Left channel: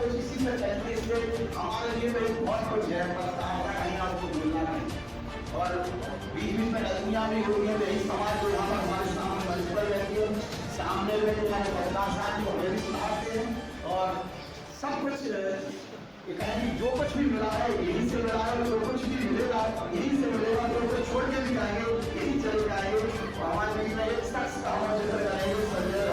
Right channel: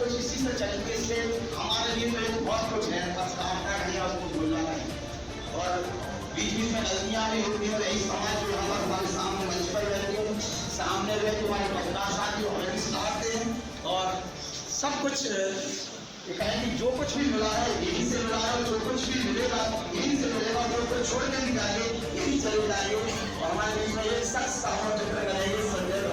कुछ इसी से चलते से हमारे लिए तो एक बहुत कुछ है, बस कामना नहीं है, उसको भूलना नहीं। और बीच बीच में गलतियाँ भी होती हैं, यही समाज जो यहाँ पर हमारे सामने मंच पर रहती है, सामने रहते हमारे बदमाश आदमी को हमें भी सुनाते हैं। और सब कुछ कहेंगे जो कुछ भी मिला है यहीं से मिला है, जो कुछ भी मिलेगा यहीं से मिलेगा, तो छोड़ के भी जाएंगे यहीं चले जाएंगे। और हमारे बीच में एक शख्स का हम जिक्र करेंगे, संजय।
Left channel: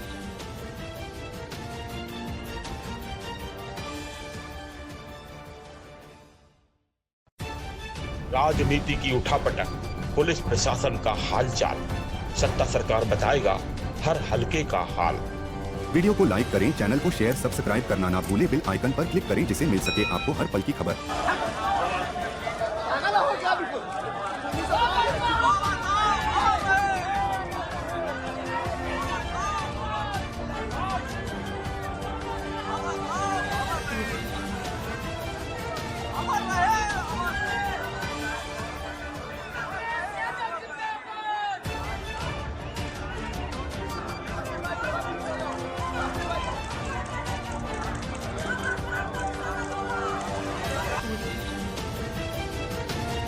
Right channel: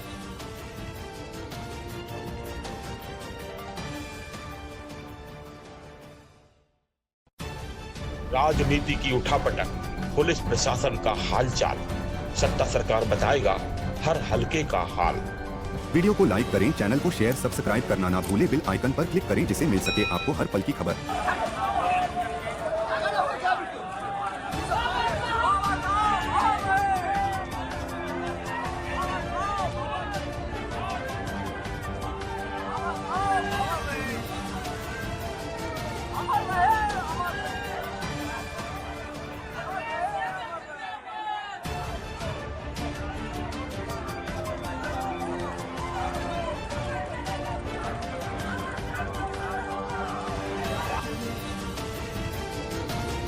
राजनीति की उठापटक, पुलिस प्रशासन का हालचाल, सत्ता सरकार बताएगा हर हलके का हाल। वीडियो को लाइक करें, चैनल को शेयर सब्सक्राइब करना ना भूलें, बेल आइकन पर क्लिक करें जिससे मिल सके आपको हर पल की खबर।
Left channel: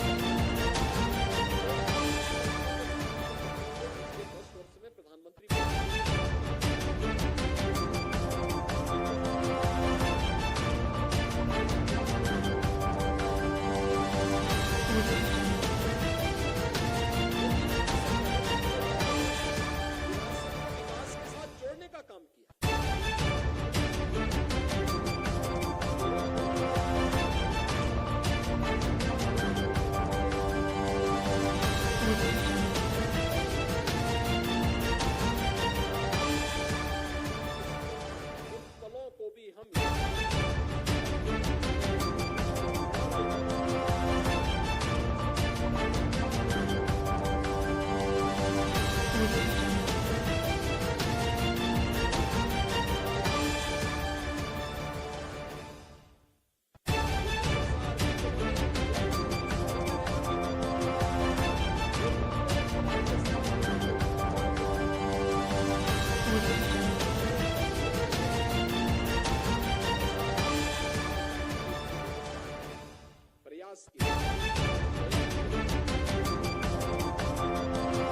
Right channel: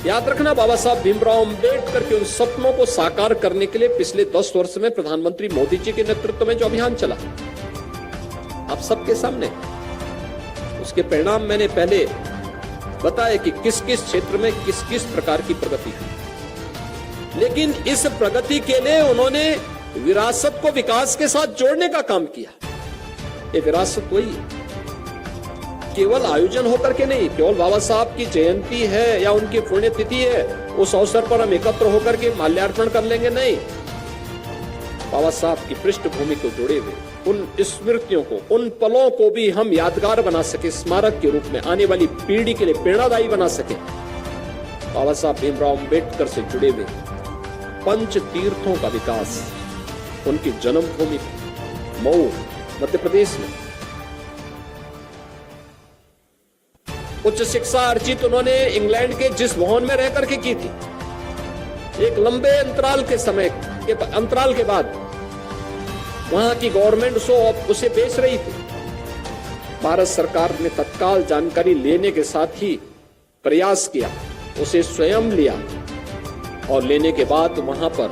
याद रखना, बाबा साहब भीमराव अम्बेडकर के उन सपनों को साकार करने के लिए पिछले 10 वर्ष में प्रधानमंत्री मोदी जी के नेतृत्व में जो अभियान चला, आप सबके सामने उसके परिणाम मैंने पहले बताया कि किस किस क्षेत्र में किस किस प्रकार की प्रगति की। लेकिन इस प्रगति के लिए उन्होंने विरासत को विकास के साथ जोड़ने का काम किया। ये विरासत वही है, केवल आयोजन होकर के नहीं, केवल बाबा साहब की जयंती है या उनकी पुण्यतिथि है, उस अवसर पर हम एकत्र होकर के माल्यार्पण कर लेंगे, नहीं। बाबा साहब की पृष्ठभूमि को जोड़े हुए उन स्मृतियों को, उन पलों को भी हम यादगार बना सके, स्मारक के रूप में आने वाली पीढ़ी के लिए प्रेरणादायी बना सके। बाबा साहब भीमराव अम्बेडकर से जुड़े हुए पंच तीर्थों का विकास, उनकी जन्मभूमि मऊ मध्य प्रदेश में उच्च शिक्षा अर्जित उन्होंने इंग्लैंड के जिस भवन में रहकर के की थी, एक लंबे अंतराल के बाद वहां की गवर्नमेंट उसे बेच रही थी। भारत सरकार ने तत्काल जानकारी लेने के साथ ही प्रयास किया, उसे स्वयं लिया और लेने के बाद वहां पर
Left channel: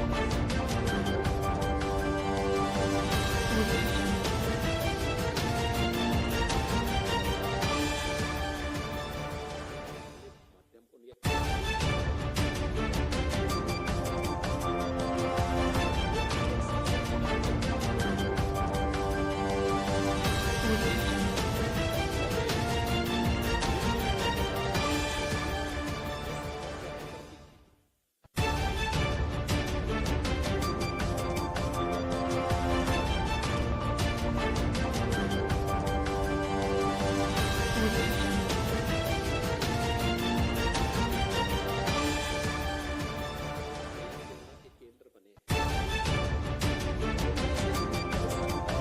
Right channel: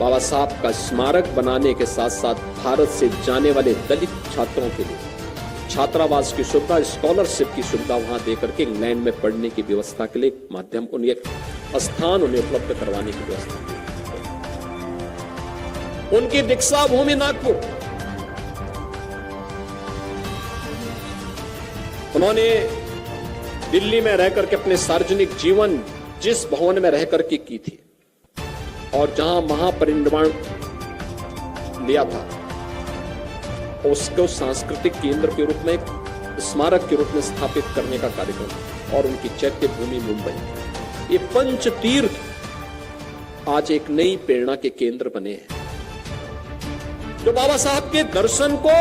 बाबा साहब का स्मारक बनाने के साथ साथ भारत से जाने वाले दलित छात्रों के लिए छात्रावास की सुविधा, स्कॉलरशिप की सुविधा वहां देकर के इंग्लैंड में पढ़ने की व्यवस्था के लिए माध्यम, उन्हें स्थान उन्हें उपलब्ध करवाने की व्यवस्था। उनकी दीक्षा भूमि नागपुर, उन्होंने दिल्ली में रहकर के अपने सार्वजनिक जीवन जिस भवन में रहकर के की थी और जहां महापरिनिर्वाण लिया था, उसको सांस्कृतिक केंद्र के रूप में, स्मारक के रूप में स्थापित करने का कार्यक्रम और उनकी चैत्य भूमि मुंबई, ये पंच तीर्थ आज एक नई प्रेरणा के केंद्र बने हैं, जो बाबा साहब के दर्शन को,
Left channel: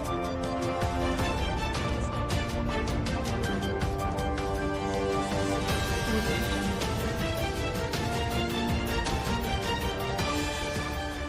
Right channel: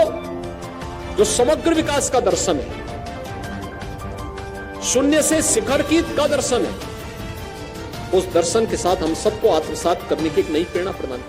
जो समग्र विकास का दर्शन है, शून्य से शिखर की का दर्शन है, उस दर्शन के साथ हम सबको आत्मसात करने की एक नई प्रेरणा प्रदान